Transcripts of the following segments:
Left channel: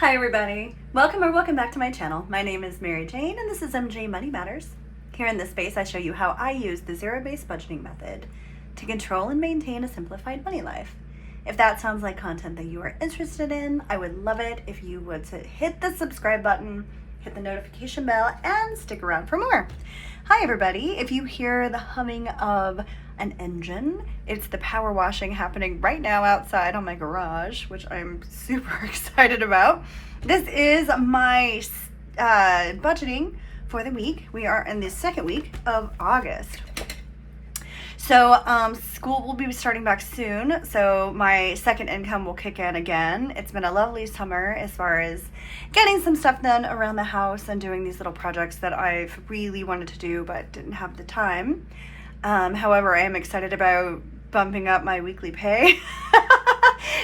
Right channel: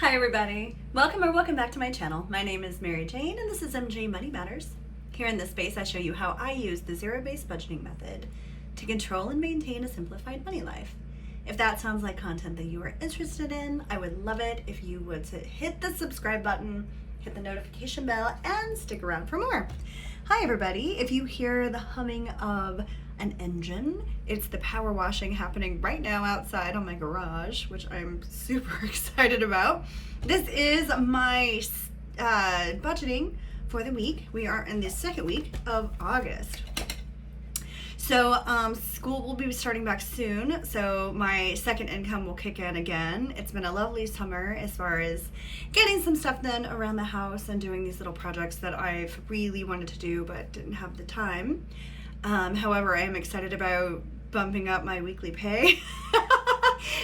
Hi everybody, welcome back to my channel. My name is Mary Jane and this is MJ Money Matters. Here in this space I show you how I use the zero-based budgeting method to control and maintain a simplified money life. If that sounds like content that you are interested in, I would love it if you would hit the subscribe button, hit the notification bell, and stick around for more. Hi everybody, if you hear the humming of an engine, it's the power washing happening right now outside on my garage, which I'm super excited about. This is my budgeting for the week. We are in the second week of August. So school will be starting back soon, so my second income will kick in again. It's been a lovely summer as far as getting some stuff done around the house and doing these little projects that I've really wanted to do but didn't have the time. However, I am excited about bumping up my weekly pay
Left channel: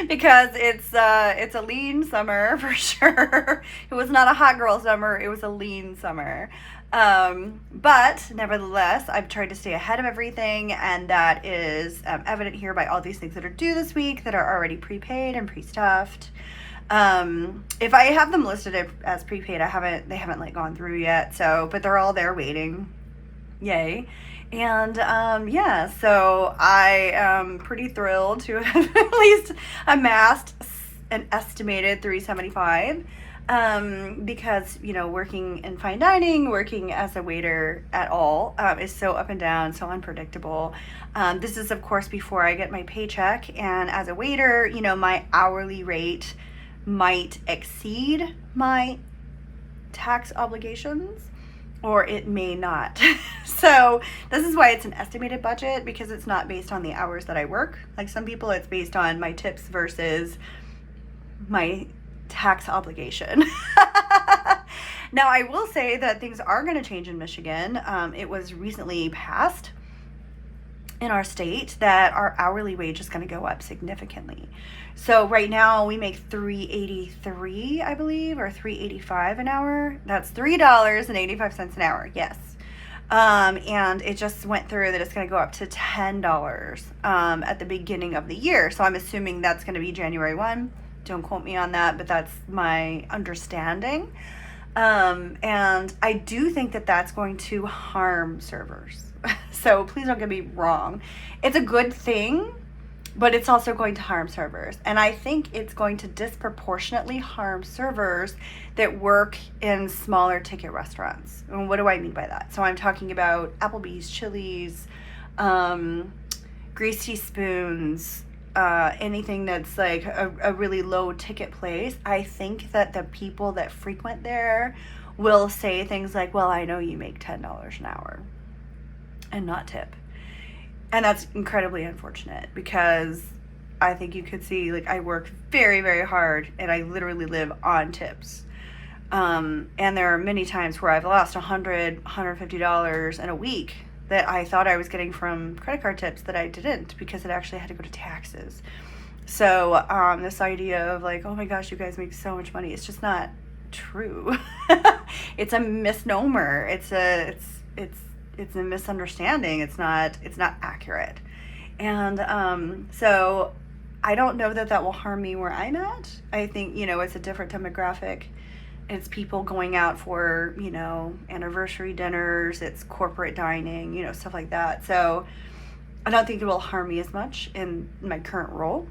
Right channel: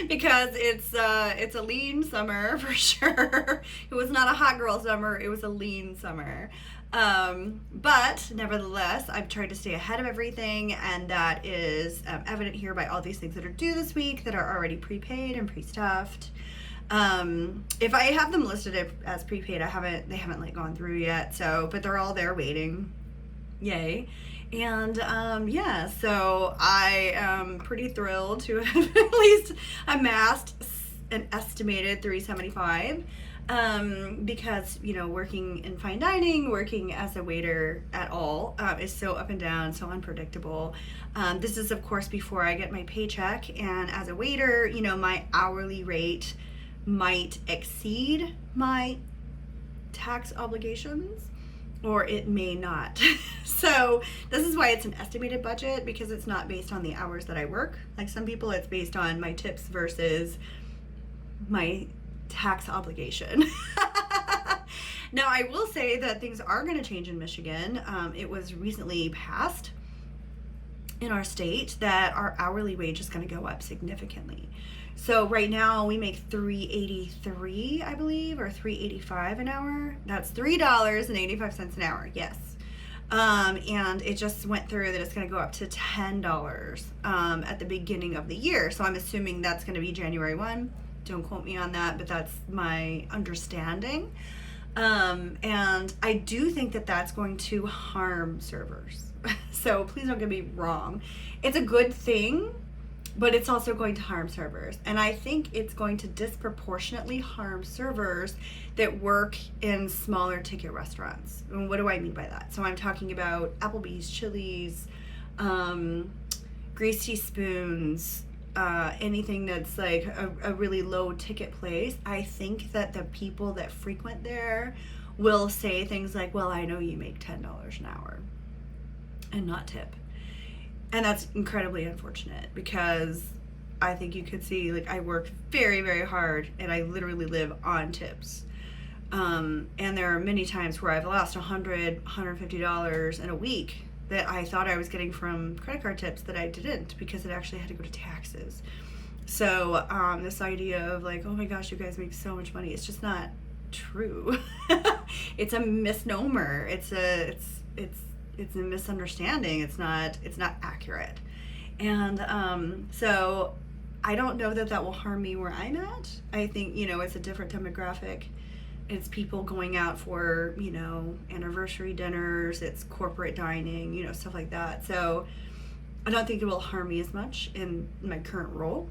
because it's a lean summer for sure. It was not a hot girl summer, it was a lean summer. But nevertheless, I've tried to stay ahead of everything, and that is evident here by all these things that are due this week that are already prepaid and pre-stuffed. If I have them listed as prepaid, they haven't like gone through yet, but they're all there waiting. Yay. And yeah, so I am pretty thrilled to have at least amassed an estimated $375 because, you know, working in fine dining, working as a waiter at all is so up and down, so unpredictable. This is of course before I get my paycheck, and as a waiter, you know, my hourly rate might exceed my tax obligations, or it may not. So this is why it's an estimated budget, because it's not based on the hours that I work. Like some people, it's based on my tips versus my tax obligation. Now I will say that things are going to change in Michigan. It was recently passed in our state that our hourly wage is going to go up significantly. So right now we make $3.83, I believe, or $3.85 an hour. That's $3.85 an hour, yes. And it just went through that it's going to go up to $10 at the beginning of the year. So I'm assuming that's going to be January 1. Don't quote me on that, but that's my understanding. And I do think that that's going to harm servers. So please don't get me wrong. It's a good thing, but it's also going to harm servers. And I think it's going to disproportionately harm servers that work in smaller ticket restaurants. And what do I mean by that? So I'm talking about Applebee's, Chili's, Greasy Spoons, anything that's like a really low ticket place. I think that the people that frequent there will say things like, well, I know you make $10 an hour, and not tip. And that's incredibly unfortunate, because I think you could see, like, I work very, very hard and I literally live on tips. And there are many times where I've lost $100, $150 in a week that I thought I was getting from credit card tips that I didn't, because it actually had to go to taxes. So this idea of like, oh my gosh, you guys make so much money, it's just not true. It's a misnomer. It's a misunderstanding. It's not accurate. And so I don't know that will harm me where I'm at. I think, you know, it's a different demographic. It's people going out for, you know, anniversary dinners, it's corporate dining, you know, stuff like that. So I don't think it will harm me as much in my current role.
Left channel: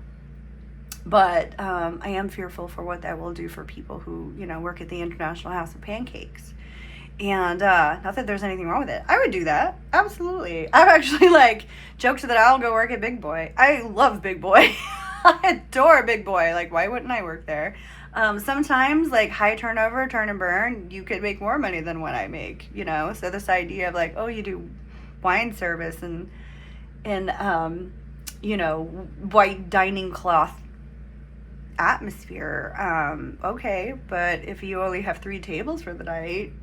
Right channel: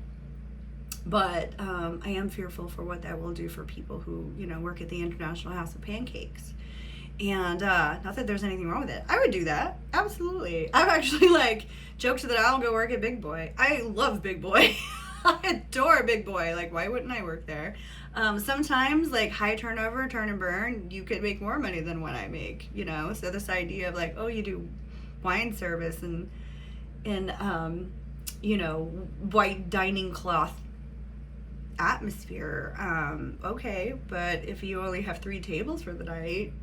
But I am fearful for what that will do for people who, you know, work at the International House of Pancakes. And not that there's anything wrong with it. I would do that. Absolutely. I've actually like joked that I'll go work at Big Boy. I love Big Boy. I adore Big Boy. Like, why wouldn't I work there? Sometimes like high turnover, turn and burn, you could make more money than what I make, you know? So this idea of like, oh, you do wine service and you know, white dining cloth atmosphere. Okay, but if you only have 3 tables for the night,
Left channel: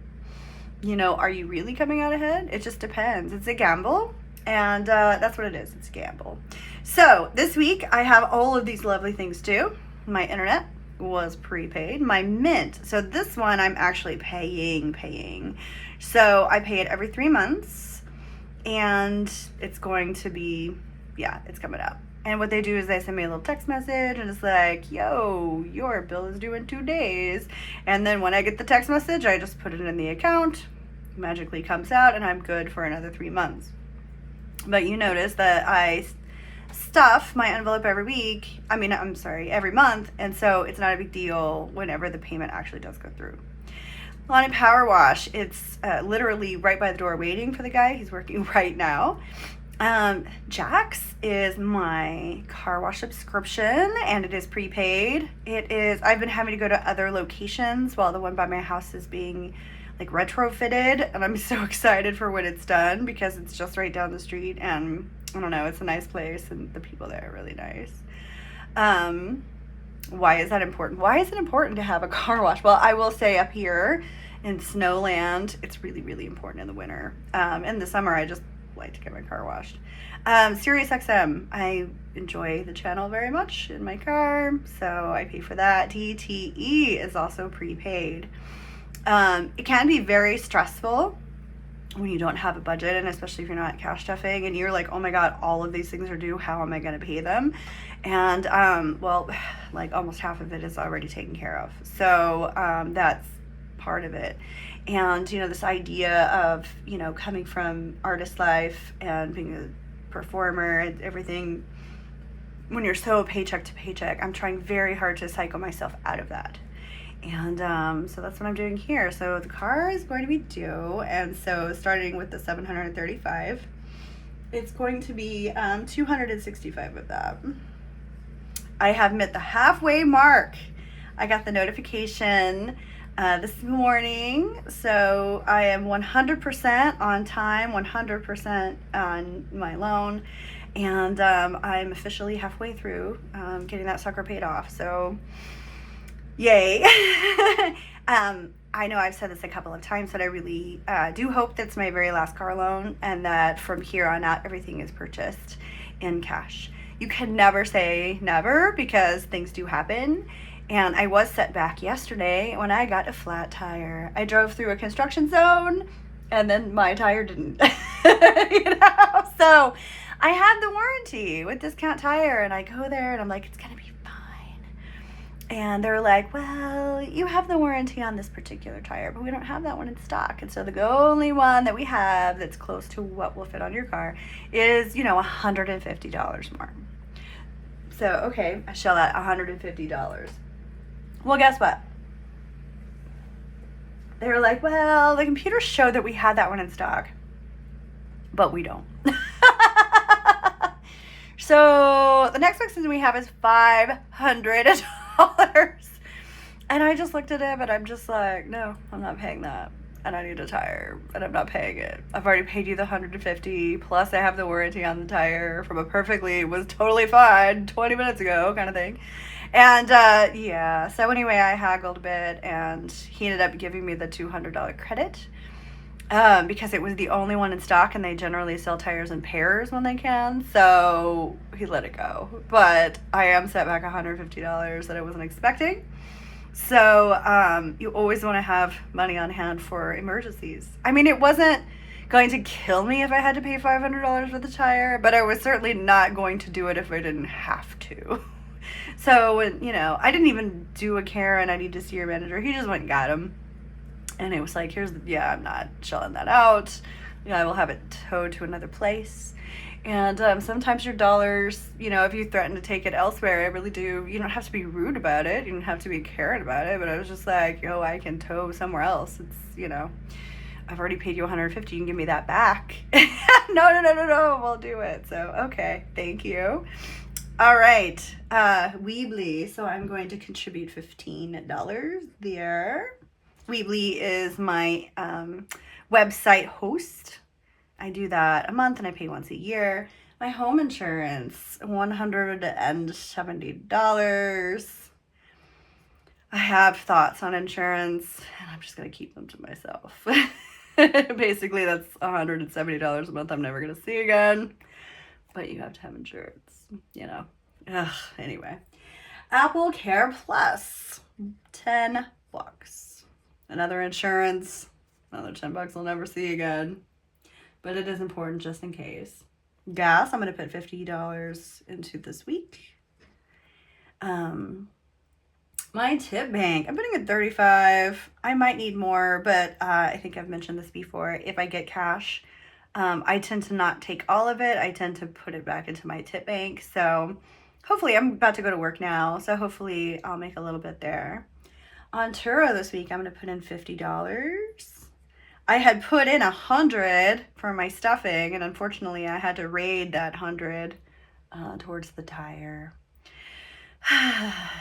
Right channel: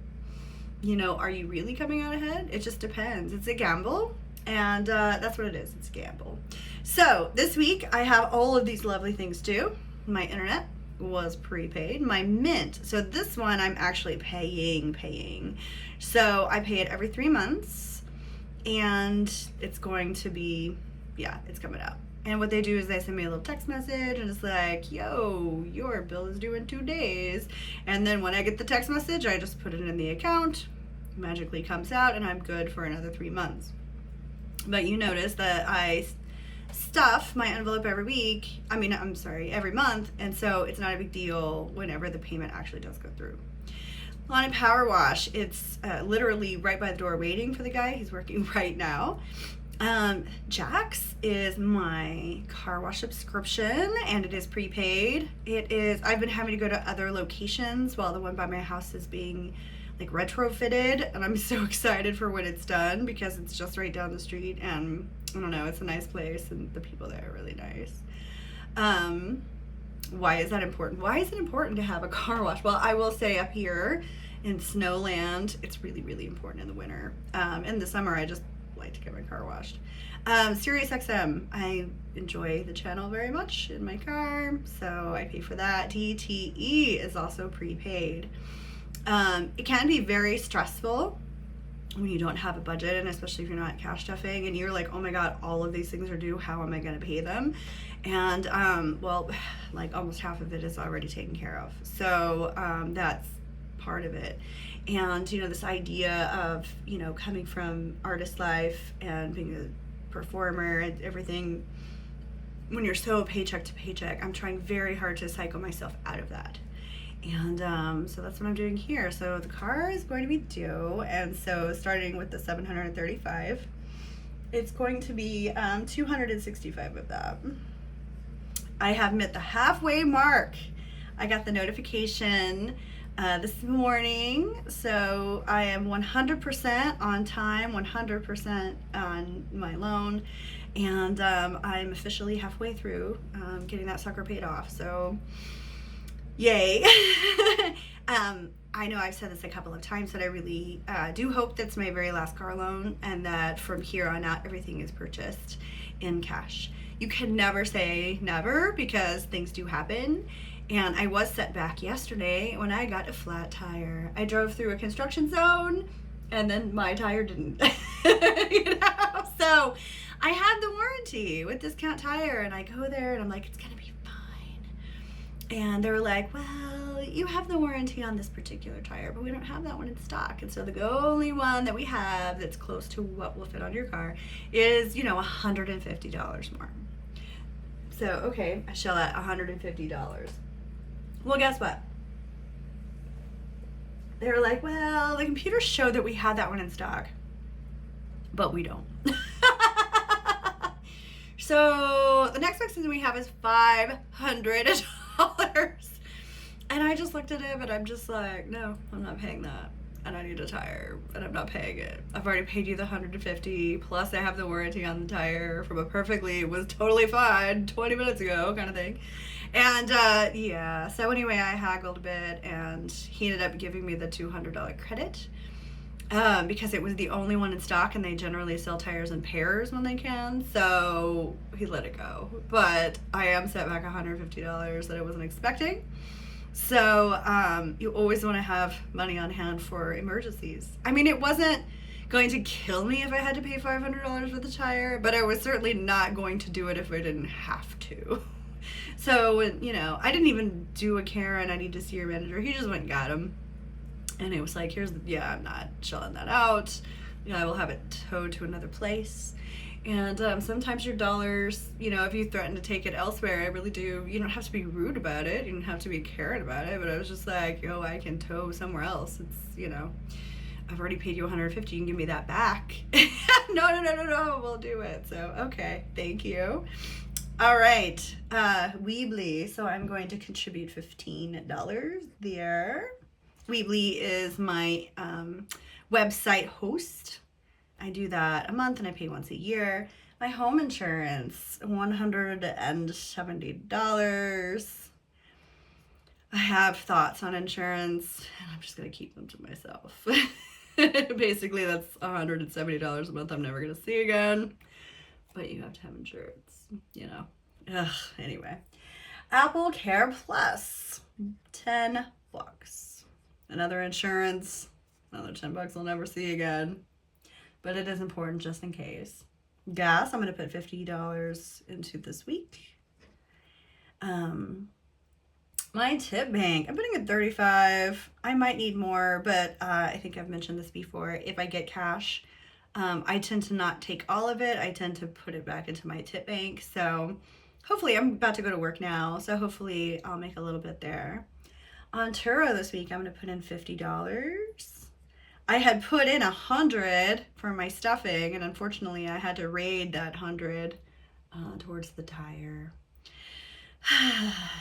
you know, are you really coming out ahead? It just depends. It's a gamble, and that's what it is. It's a gamble. So this week I have all of these lovely things due. My internet was prepaid. My Mint, so this one I'm actually paying. So I pay it every 3 months, and it's going to be, yeah, it's coming up. And what they do is they send me a little text message and it's like, yo, your bill is due in 2 days. And then when I get the text message, I just put it in the account, magically comes out, and I'm good for another 3 months. But you notice that I stuff my envelope every month, and so it's not a big deal whenever the payment actually does go through. On Power Wash, it's literally right by the door waiting for the guy. He's working right now. Jax is my car wash subscription, and it is prepaid. I've been having to go to other locations while the one by my house is being like retrofitted, and I'm so excited for when it's done because it's just right down the street, and I don't know, it's a nice place and the people there are really nice. Why is that important? Why is it important to have a car wash? Well, I will say up here in Snowland, it's really, really important in the winter. In the summer, I just like to get my car washed. SiriusXM, I enjoy the channel very much in my car, so I pay for that. DTE is also prepaid. It can be very stressful when you don't have a budget, and especially if you're not cash stuffing and you're like, oh my god, all of these things are due, how am I going to pay them? And well, like almost half of it is already taken care of, so that's part of it. And you know, this idea of, you know, coming from artist life and being a performer and everything, when you're so paycheck to paycheck, I'm trying very hard to cycle myself out of that. And so that's what I'm doing here. So the car is going to be due, and so starting with the $735, it's going to be $265 of that. I have met the halfway mark. I got the notification this morning, so I am 100% on time, 100% on my loan, and I'm officially halfway through getting that sucker paid off. So yay. I know I've said this a couple of times, but I really do hope that's my very last car loan, and that from here on out everything is purchased in cash. You can never say never, because things do happen. And I was set back yesterday when I got a flat tire. I drove through a construction zone and then my tire didn't. You know? So I had the warranty with Discount Tire, and I go there and I'm like, it's gonna be fine. And they're like, well, you have the warranty on this particular tire, but we don't have that one in stock. And so the only one that we have that's close to what will fit on your car is, you know, $150 more. So, okay, I shell out $150. Well, guess what? They were like, well, the computer showed that we had that one in stock, but we don't. So the next section we have is $500. And I just looked at him and I'm just like, no, I'm not paying that. And I need a tire, and I'm not paying it. I've already paid you the $150, plus I have the warranty on the tire from it was totally fine 20 minutes ago kind of thing. And yeah, so anyway, I haggled a bit, and he ended up giving me the $200 credit because it was the only one in stock, and they generally sell tires in pairs when they can, so he let it go. But I am set back $150 that I wasn't expecting. So you always want to have money on hand for emergencies. I mean, it wasn't going to kill me if I had to pay $500 for the tire, but I was certainly not going to do it if I didn't have to. So, you know, I didn't even do a Karen, I need to see your manager. He just went and got him. And it was like, I'm not shelling that out. Yeah, I will have it towed to another place. And sometimes your dollars, you know, if you threaten to take it elsewhere, I really do. You don't have to be rude about it. You don't have to be Karen about it. But I was just like, yo, I can tow somewhere else. It's, you know, I've already paid you $150. You can give me that back. No, we'll do it. So, okay, thank you. All right, Weebly. So I'm going to contribute $15 there. Weebly is my website host. I do that a month and I pay once a year. My home insurance, $170. I have thoughts on insurance, and I'm just gonna keep them to myself. Basically, that's $170 a month I'm never gonna see again. But you have to have insurance, you know. Ugh, anyway. Apple Care Plus, $10. Another insurance, another $10 I'll never see again. But it is important just in case. Gas, I'm going to put $50 into this week. My tip bank, I'm putting at 35. I might need more, but I think I've mentioned this before. If I get cash, I tend to not take all of it. I tend to put it back into my tip bank. So hopefully, I'm about to go to work now, so hopefully I'll make a little bit there. On Turo this week, I'm going to put in $50. I had put in 100 for my stuffing, and unfortunately I had to raid that 100 towards the tire.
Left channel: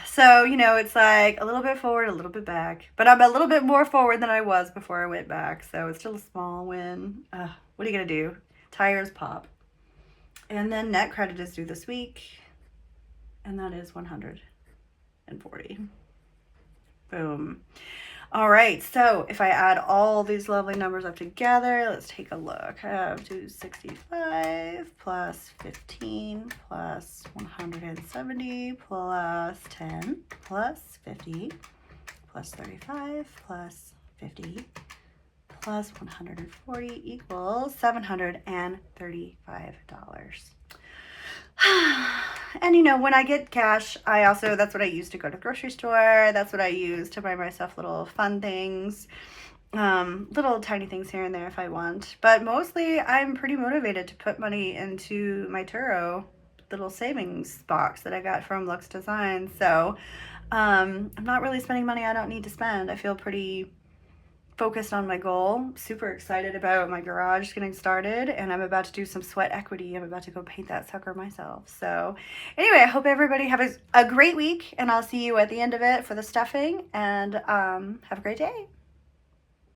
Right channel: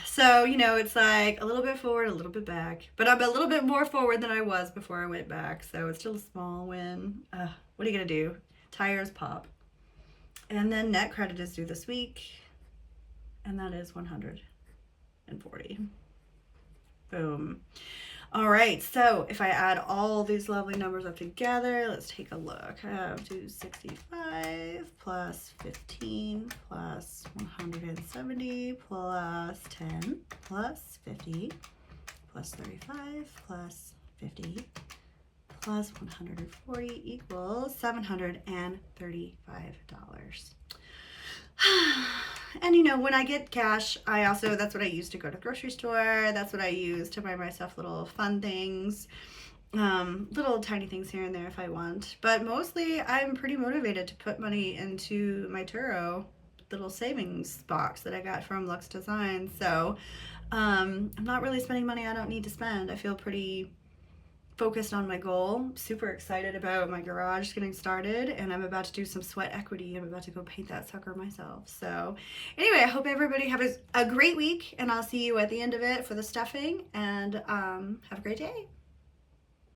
So, you know, it's like a little bit forward, a little bit back, but I'm a little bit more forward than I was before I went back, so it's still a small win. What are you gonna do? Tires pop. And then net credit is due this week, and that is 140. Boom. All right, so if I add all these lovely numbers up together, let's take a look. I have 265 plus 15 plus 170 plus 10 plus 50 plus 35 plus 50 plus 140 equals $735. And you know, when I get cash, that's what I use to go to the grocery store. That's what I use to buy myself little fun things, little tiny things here and there if I want. But mostly I'm pretty motivated to put money into my Turo little savings box that I got from Lux Design. So I'm not really spending money I don't need to spend. I feel pretty focused on my goal, super excited about my garage getting started, and I'm about to do some sweat equity. I'm about to go paint that sucker myself. So anyway, I hope everybody have a great week, and I'll see you at the end of it for the stuffing, and have a great day.